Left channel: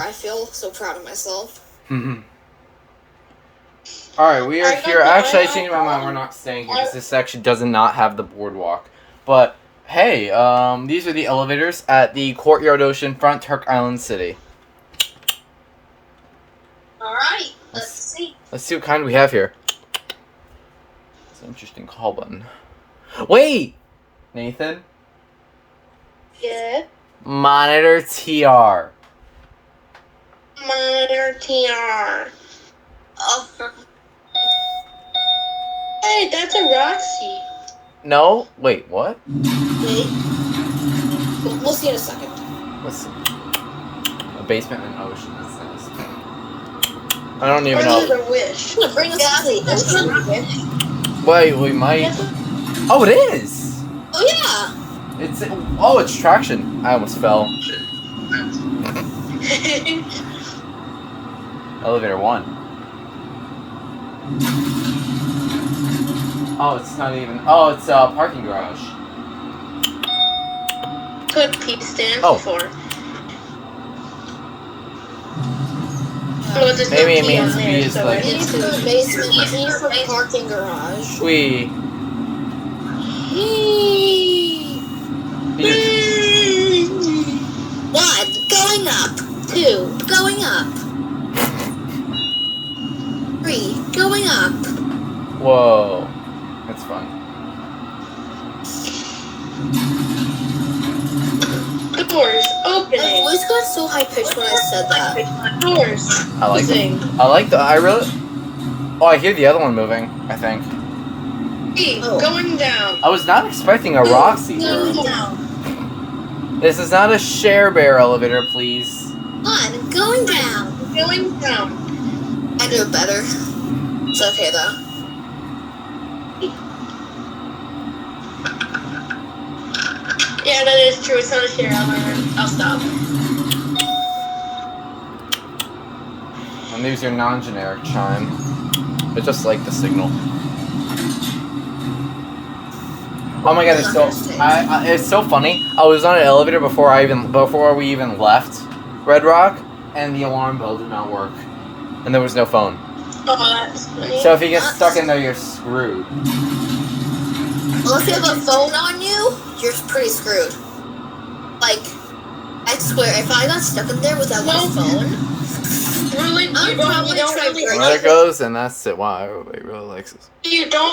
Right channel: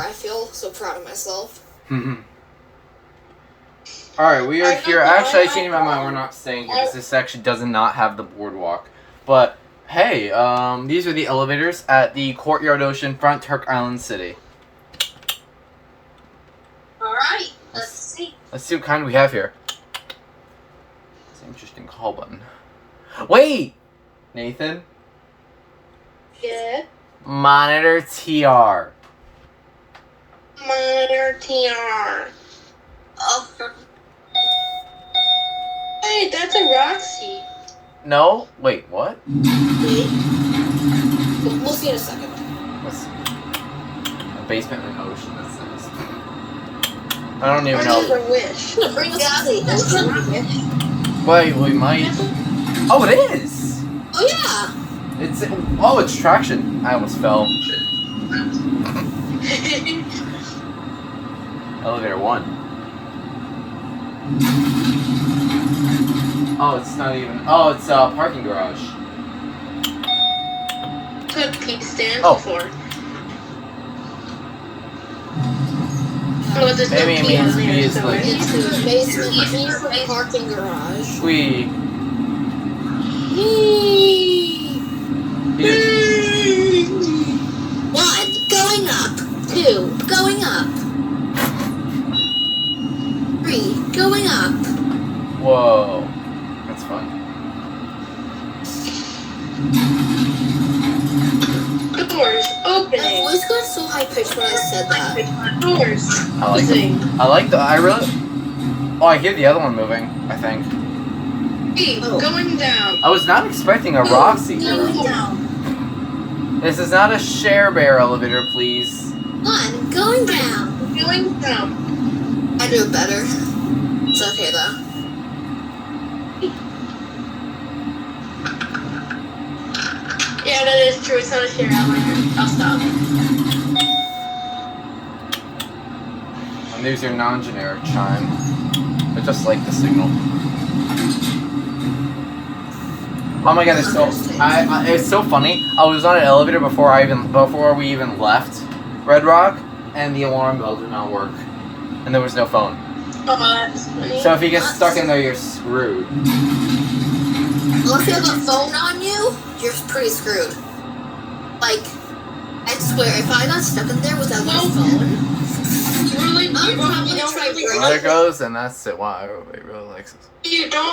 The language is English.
I feel so proud of myself. Alright, we are here. Actually, I changed my mind. We're not staying here because this section does not have the boardwalk. But, hey, these are the elevators at the Courtyard Oceanfront, Turk Island City. Alright, let's see. Let's see what kind we have here. It's an interesting call button. Wait! Nathan? Yeah? Monitor TR. Monitor TR. Oh. Hey, that's a Roxy. No? Wait, what? Wait. We'll see in a second. Let's see. The basement and ocean. That's nice. I don't even know. Or Wish. I'm gonna bring us Roxy. That's not Wish. Wait, we might. Oh, it is! Oh, yeah! It's traction. I almost fell. Elevator 1. Oh, it's not even. Oh, it's a parking garage. What Pete stands for. Oh, there's Maybe no it P means on there, P is so like- it's- Into the basement, here from the parking garage. We. One, going up. Two, going up. Three, going up. Whoa. That's fun. The doors My opening. voice got so high pitched when I said that. Doors. I like Thing. the. I really. Oh, I hear the other one moving, I think. Pete, going down. I was not expecting a Roxy. Going down. This is not a Share Bear elevator, please. One, going down. Going down. I do it better. It's okay though. Yeah, that is true. It's not a share elevator. I'll stop. And there's your non-generic chime. But just like the signal. Oh my god, it's so funny. I was on an elevator before we even left Red Rock, and the alarm bell did not work, and there was no phone. Oh, that's funny. So if you get stuck in there, you're screwed. Unless you have a phone on you, you're pretty screwed. Like, I swear, if I got stuck in there without my phone, Really? I'm You probably don't try really break And there it goes, and that's it. Wow, everybody really likes this. You don't